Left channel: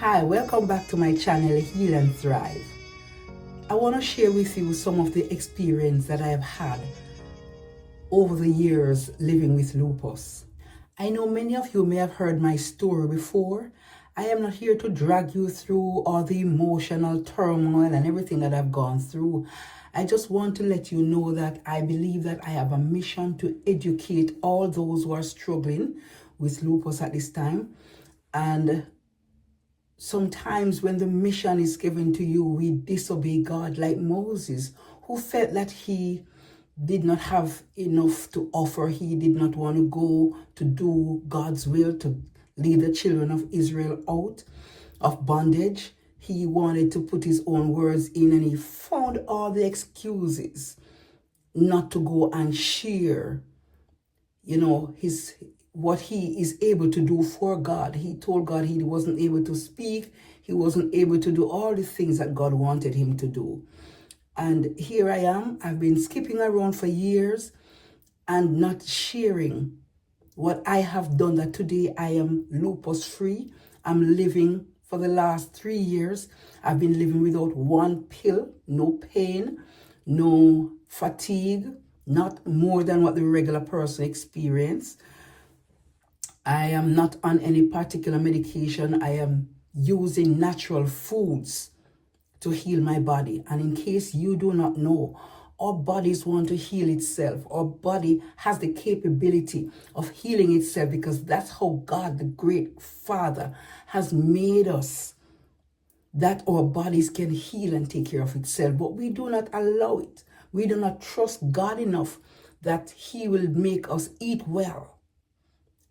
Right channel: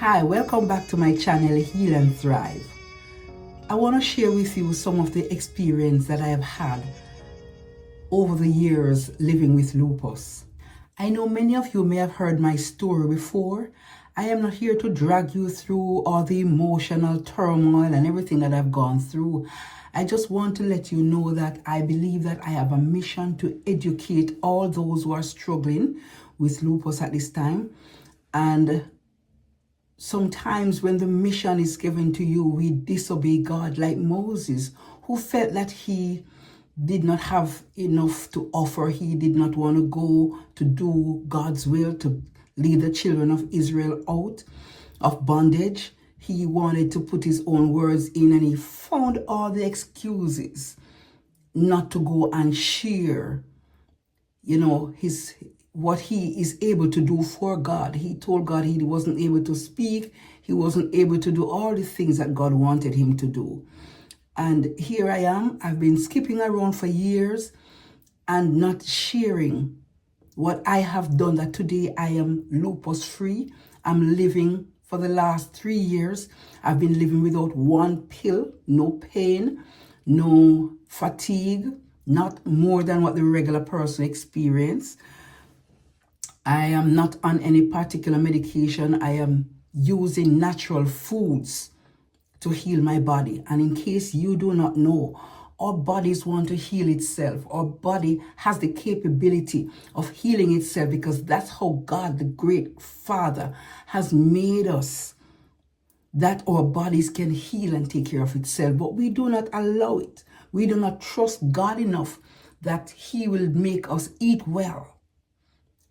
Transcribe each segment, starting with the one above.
Hi, welcome back to my channel Heal and Thrive. I want to share with you some of the experience that I have had over the years living with lupus. I know many of you may have heard my story before. I am not here to drag you through all the emotional turmoil and everything that I've gone through. I just want to let you know that I believe that I have a mission to educate all those who are struggling with lupus at this time. And sometimes when the mission is given to you, we disobey God, like Moses, who felt that he did not have enough to offer. He did not want to go to do God's will, to lead the children of Israel out of bondage. He wanted to put his own words in, and he found all the excuses not to go and share, what he is able to do for God. He told God he wasn't able to speak. He wasn't able to do all the things that God wanted him to do. And here I am. I've been skipping around for years and not sharing what I have done, that today I am lupus free. I'm living for the last 3 years. I've been living without one pill, no pain, no fatigue, not more than what the regular person experiences. I am not on any particular medication. I am using natural foods to heal my body. And in case you do not know, our bodies want to heal itself. Our body has the capability of healing itself, because that's how God, the great Father, has made us, that our bodies can heal and take care of itself. But we do not allow it. We do not trust God enough that He will make us eat well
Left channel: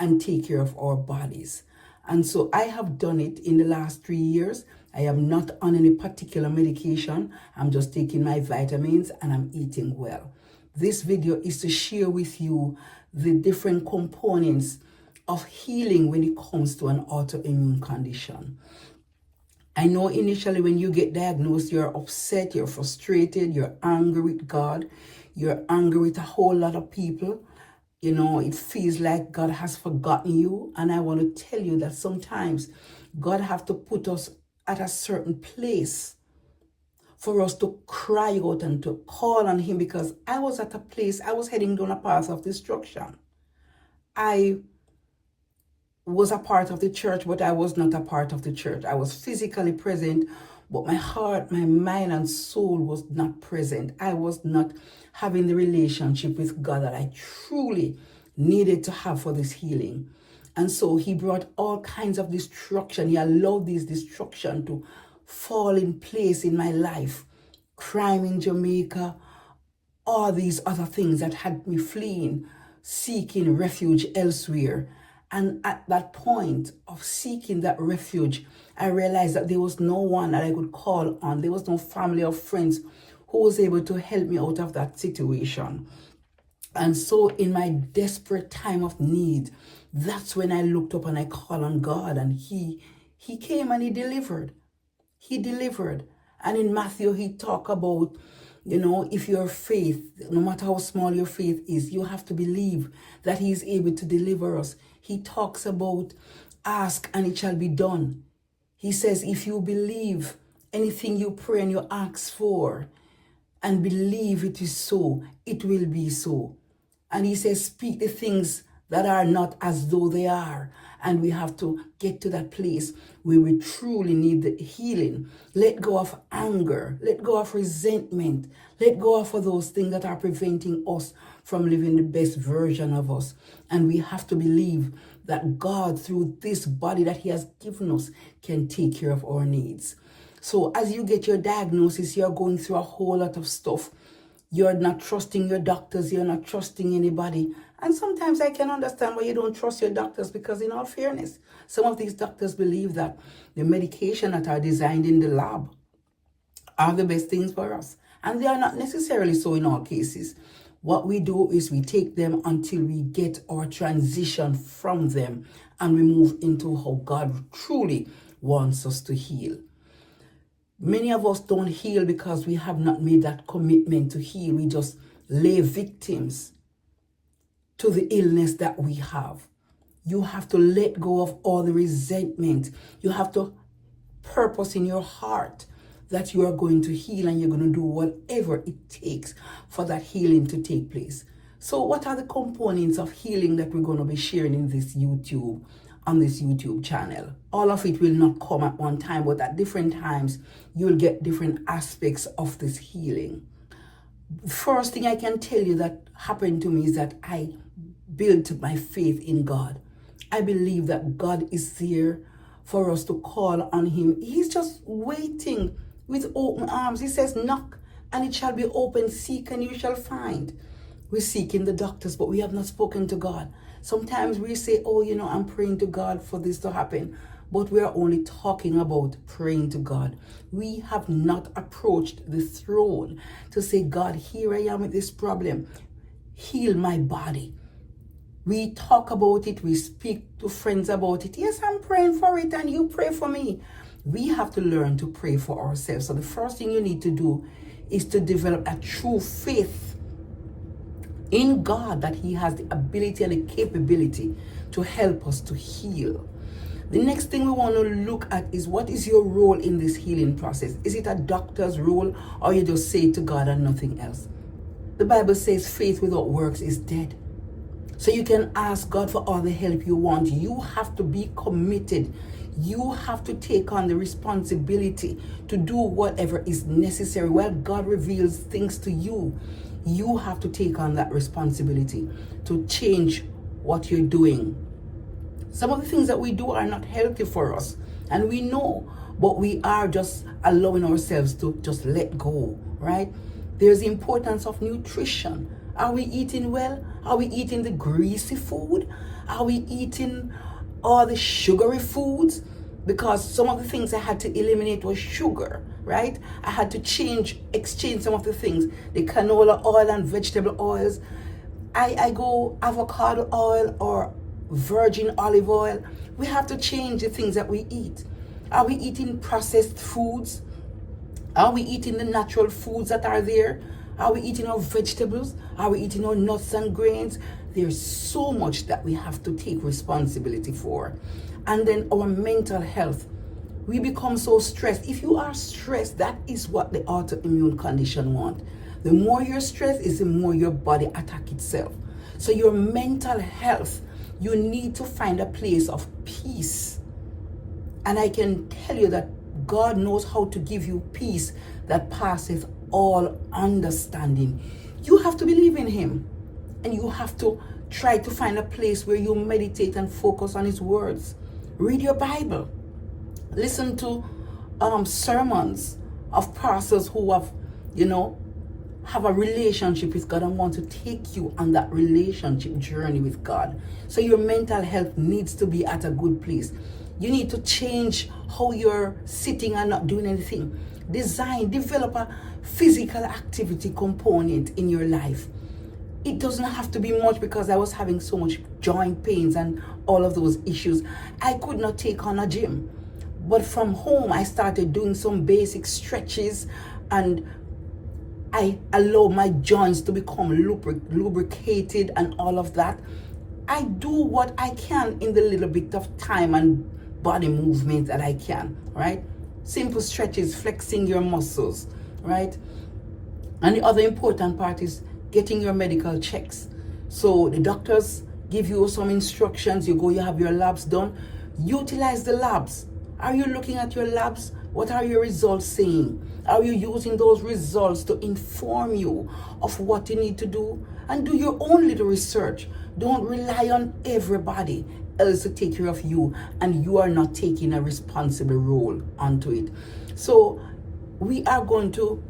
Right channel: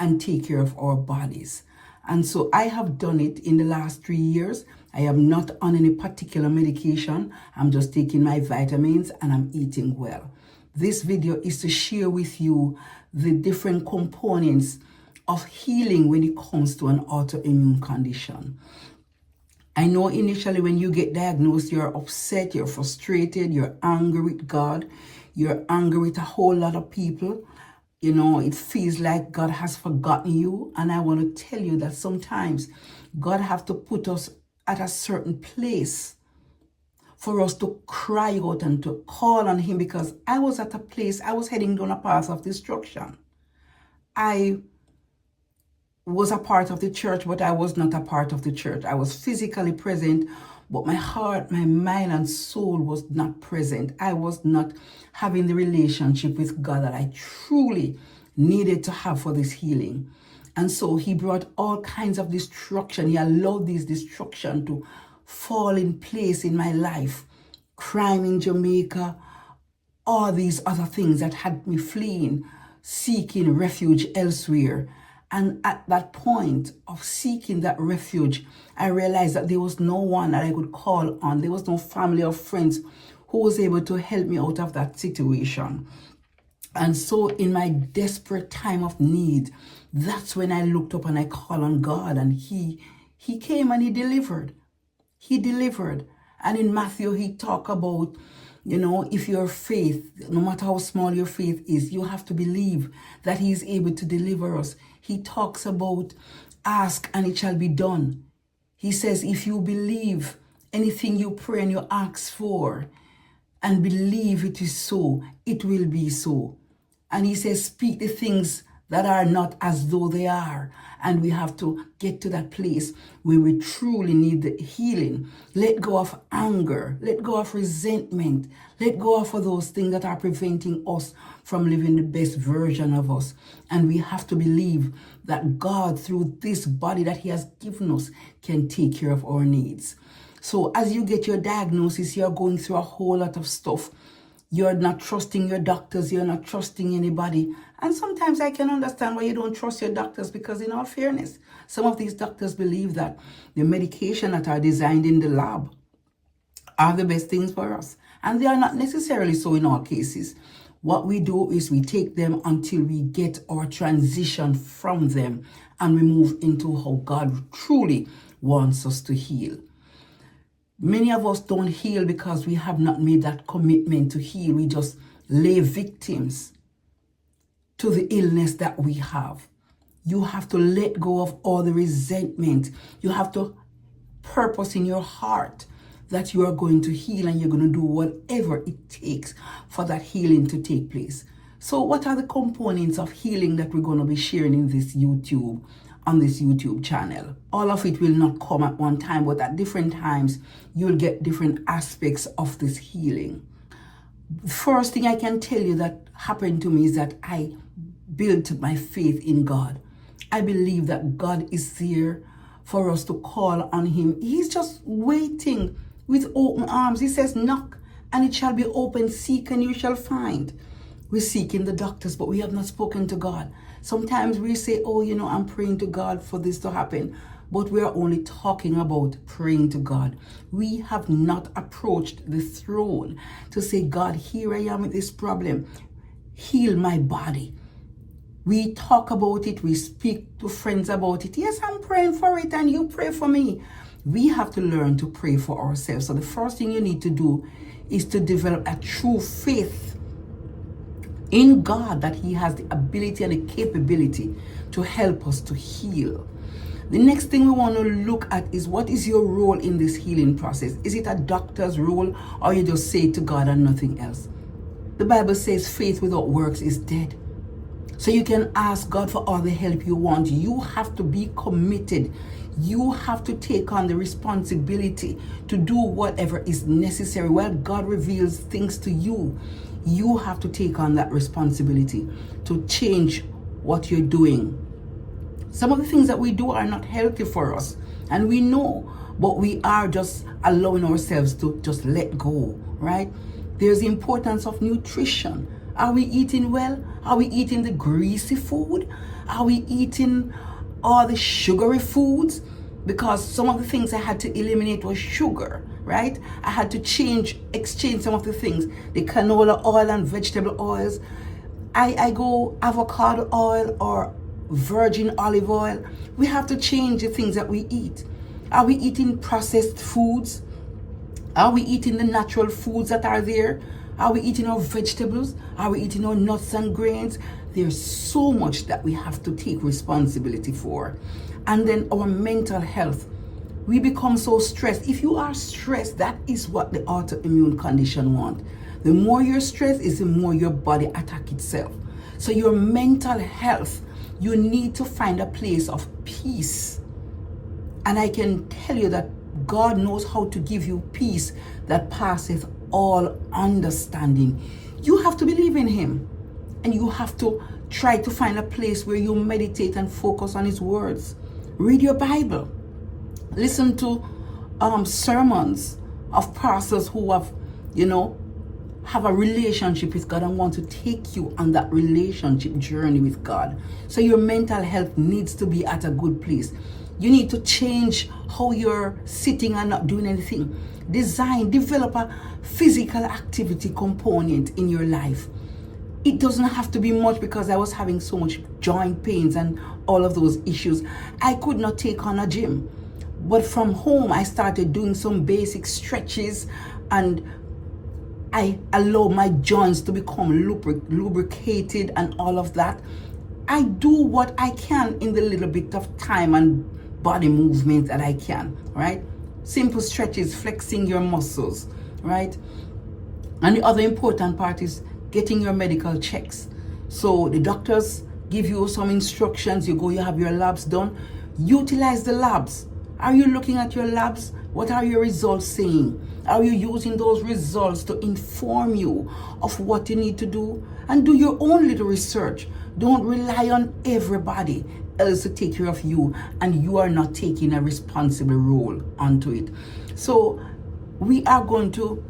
and take care of our bodies. And so I have done it in the last 3 years. I am not on any particular medication. I'm just taking my vitamins and I'm eating well. This video is to share with you the different components of healing when it comes to an autoimmune condition. I know initially when you get diagnosed, you're upset, you're frustrated, you're angry with God, you're angry with a whole lot of people. It feels like God has forgotten you. And I want to tell you that sometimes God has to put us at a certain place for us to cry out and to call on Him, because I was at a place, I was heading down a path of destruction. I was a part of the church, but I was not a part of the church. I was physically present, but my heart, my mind, and soul was not present. I was not having the relationship with God that I truly needed to have for this healing. And so He brought all kinds of destruction. He allowed this destruction to fall in place in my life. Crime in Jamaica, all these other things that had me fleeing, seeking refuge elsewhere. And at that point of seeking that refuge, I realized that there was no one that I could call on. There was no family or friends who was able to help me out of that situation. And so in my desperate time of need, that's when I looked up and I called on God, and He came and He delivered. He delivered. And in Matthew, He talked about, if your faith, no matter how small your faith is, you have to believe that He is able to deliver us. He talks about ask and it shall be done. He says, if you believe anything you pray and you ask for and believe it is so, it will be so. And He says, speak the things that are not as though they are. And we have to get to that place where we truly need the healing. Let go of anger. Let go of resentment. Let go of those things that are preventing us from living the best version of us. And we have to believe that God, through this body that He has given us, can take care of our needs. So as you get your diagnosis, you're going through a whole lot of stuff. You're not trusting your doctors. You're not trusting anybody. And sometimes I can understand why you don't trust your doctors, because in all fairness, some of these doctors believe that the medication that are designed in the lab are the best things for us. And they are not necessarily so in all cases. What we do is we take them until we get our transition from them and we move into how God truly wants us to heal. Many of us don't heal because we have not made that commitment to heal. We just lay victims to the illness that we have. You have to let go of all the resentment. You have to purpose in your heart that you are going to heal, and you're going to do whatever it takes for that healing to take place. So what are the components of healing that we're going to be sharing in this on this YouTube channel? All of it will not come at one time, but at different times you'll get different aspects of this healing. The first thing I can tell you that happened to me is that I built my faith in God. I believe that God is there for us to call on him. He's just waiting with open arms. He says, knock and it shall be open, seek and you shall find. We seek in the doctors, but we have not spoken to God. Sometimes we say, oh, I'm praying to God for this to happen, but we are only talking about praying to God. We have not approached the throne to say, God, here I am with this problem. Heal my body. We talk about it. We speak to friends about it. Yes, I'm praying for it and you pray for me. We have to learn to pray for ourselves. So the first thing you need to do is to develop a true faith in God that he has the ability and the capability to help us to heal. The next thing we want to look at is, what is your role in this healing process? Is it a doctor's role, or you just say to God and nothing else? The Bible says faith without works is dead. So you can ask God for all the help you want. You have to be committed. You have to take on the responsibility to do whatever is necessary. While God reveals things to you, you have to take on that responsibility to change what you're doing. Some of the things that we do are not healthy for us, and we know, but we are just allowing ourselves to just let go, right? There's the importance of nutrition. Are we eating well? Are we eating the greasy food? Are we eating all the sugary foods? Because some of the things I had to eliminate was sugar, right? I had to exchange some of the things, the canola oil and vegetable oils. I go avocado oil or virgin olive oil. We have to change the things that we eat. Are we eating processed foods? Are we eating the natural foods that are there? Are we eating our vegetables? Are we eating our nuts and grains? There's so much that we have to take responsibility for. And then our mental health. We become so stressed. If you are stressed, that is what the autoimmune condition wants. The more you're stressed is the more your body attacks itself. So your mental health, you need to find a place of peace. And I can tell you that God knows how to give you peace that passeth all understanding. You have to believe in him, and you have to try to find a place where you meditate and focus on his words. Read your Bible. Listen to sermons of pastors who have a relationship with God and want to take you on that relationship journey with God. So your mental health needs to be at a good place. You need to change how you're sitting and not doing anything. Develop a physical activity component in your life. It doesn't have to be much, because I was having so much joint pains and all of those issues. I could not take on a gym. But from home, I started doing some basic stretches, and I allow my joints to become lubricated and all of that. I do what I can in the little bit of time and body movement that I can, right? Simple stretches, flexing your muscles, right? And the other important part is getting your medical checks. So the doctors give you some instructions. You go, you have your labs done. Utilize the labs. Are you looking at your labs? What are your results saying? Are you using those results to inform you of what you need to do? And do your own little research. Don't rely on everybody else to take care of you, and you are not taking a responsible role onto it. So we are going to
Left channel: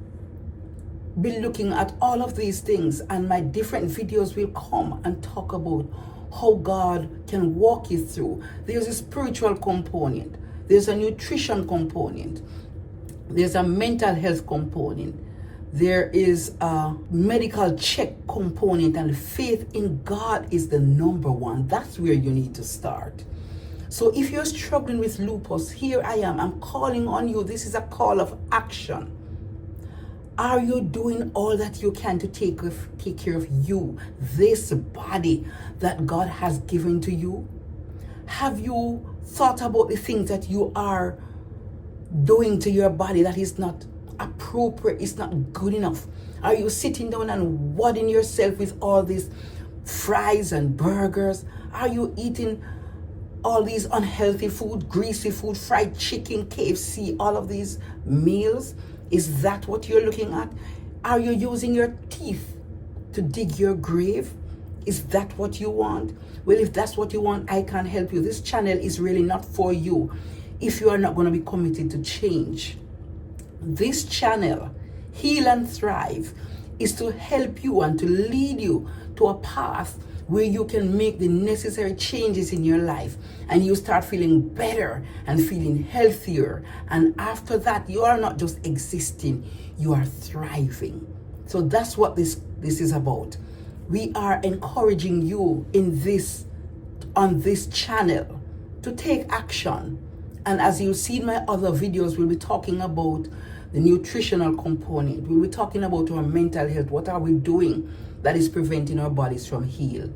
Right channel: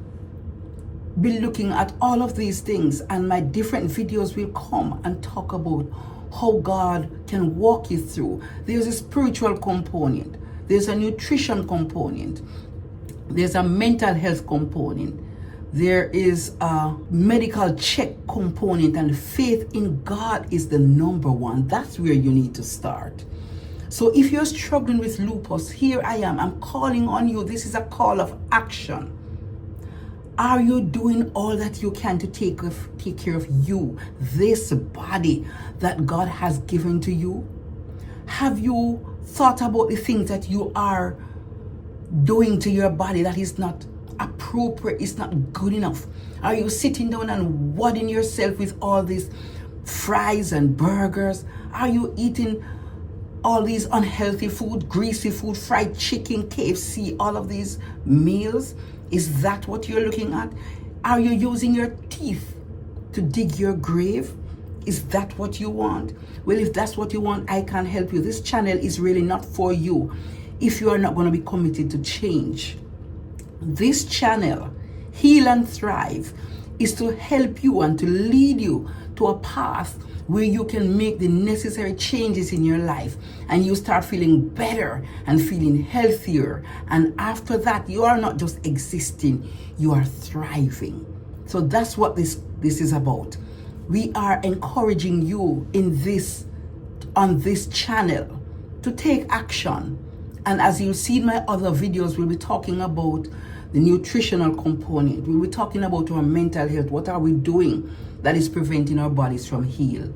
be looking at all of these things, and my different videos will come and talk about how God can walk you through. There's a spiritual component. There's a nutrition component. There's a mental health component. There is a medical check component, and faith in God is the number one. That's where you need to start. So if you're struggling with lupus, here I am. I'm calling on you. This is a call of action. Are you doing all that you can to take care of you, this body that God has given to you? Have you thought about the things that you are doing to your body that is not appropriate, it's not good enough? Are you sitting down and wadding yourself with all these fries and burgers? Are you eating all these unhealthy food, greasy food, fried chicken, KFC, all of these meals? Is that what you're looking at? Are you using your teeth to dig your grave? Is that what you want? Well, if that's what you want, I can help you. This channel is really not for you if you are not going to be committed to change. This channel, Heal and Thrive, is to help you and to lead you to a path where you can make the necessary changes in your life and you start feeling better and feeling healthier. And after that, you are not just existing, you are thriving. So that's what this is about. We are encouraging you on this channel to take action. And as you see in my other videos, we'll be talking about the nutritional component. We'll be talking about our mental health. What are we doing that is preventing our bodies from heal?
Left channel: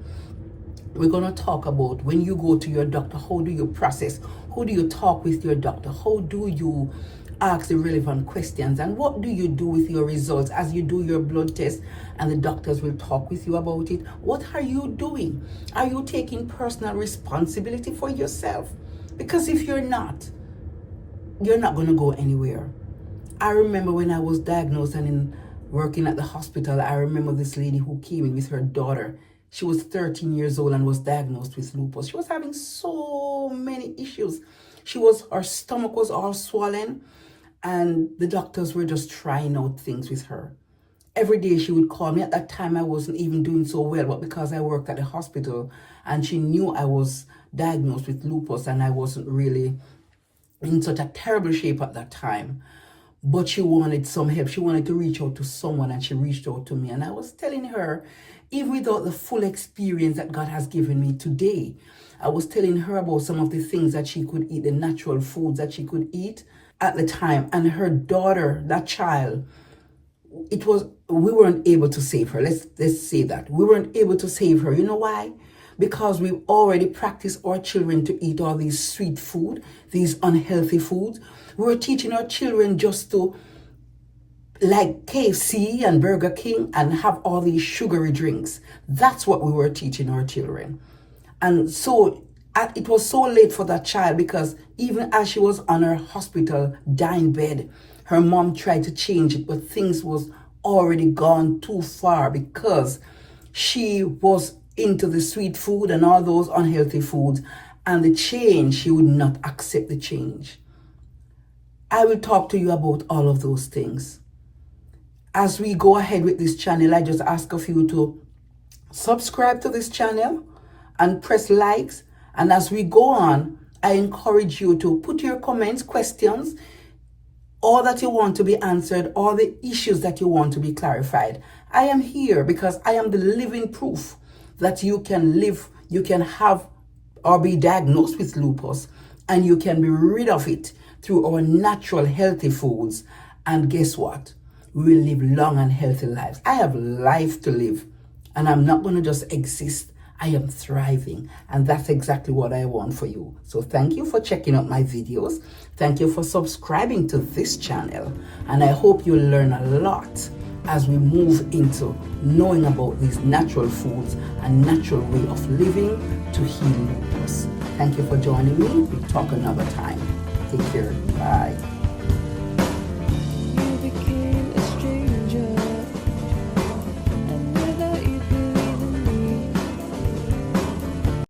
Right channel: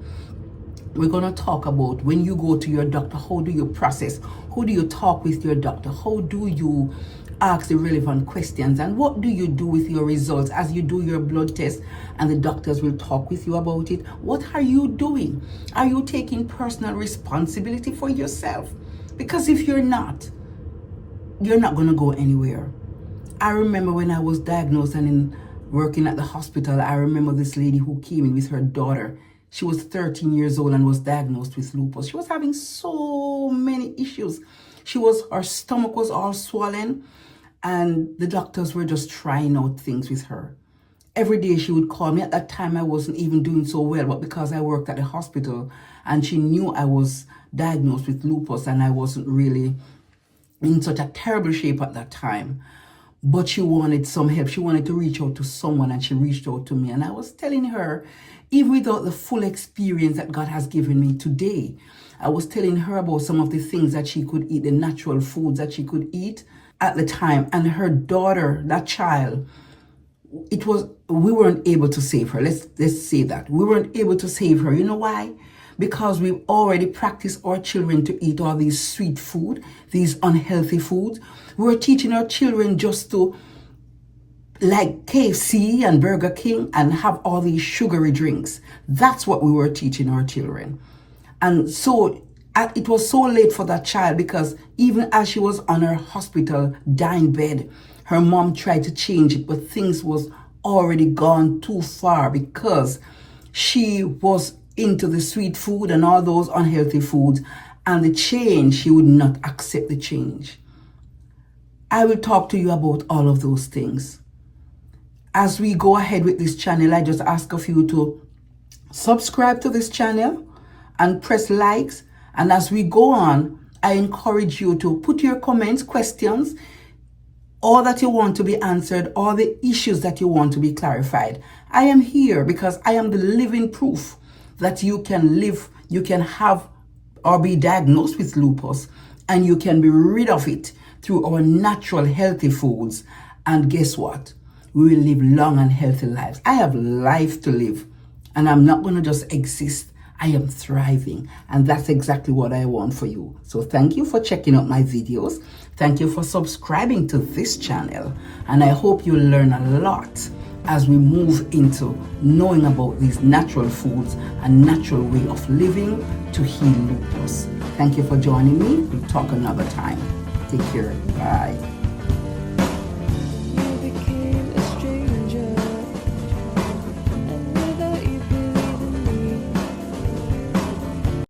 We're going to talk about when you go to your doctor, how do you process? How do you talk with your doctor? How do you ask the relevant questions? And what do you do with your results as you do your blood test and the doctors will talk with you about it? What are you doing? Are you taking personal responsibility for yourself? Because if you're not going to go anywhere. I remember when I was diagnosed and working at the hospital, I remember this lady who came in with her daughter. She was 13 years old and was diagnosed with lupus. She was having so many issues. Her stomach was all swollen and the doctors were just trying out things with her. Every day she would call me. At that time, I wasn't even doing so well, but because I worked at the hospital and she knew I was diagnosed with lupus and I wasn't really in such a terrible shape at that time, but she wanted some help. She wanted to reach out to someone and she reached out to me. And I was telling her, even without the full experience that God has given me today, I was telling her about some of the things that she could eat, the natural foods that she could eat at the time. And her daughter, that child, we weren't able to save her. Let's say that. We weren't able to save her. You know why? Because we've already practiced our children to eat all these sweet food, these unhealthy foods. We're teaching our children just to like KFC and Burger King and have all these sugary drinks. That's what we were teaching our children. And so it was so late for that child because even as she was on her hospital dying bed, her mom tried to change it, but things was already gone too far because she was into the sweet food and all those unhealthy foods, and the change, she would not accept the change. I will talk to you about all of those things. As we go ahead with this channel, I just ask of you to subscribe to this channel and press likes. And as we go on, I encourage you to put your comments, questions, all that you want to be answered, all the issues that you want to be clarified. I am here because I am the living proof that you can live, you can have or be diagnosed with lupus, and you can be rid of it through our natural healthy foods. And guess what? We will live long and healthy lives. I have life to live, and I'm not going to just exist. I am thriving, and that's exactly what I want for you. So thank you for checking out my videos. Thank you for subscribing to this channel, and I hope you learn a lot as we move into knowing about these natural foods and natural way of living to heal lupus. Thank you for joining me. We'll talk another time. Take care.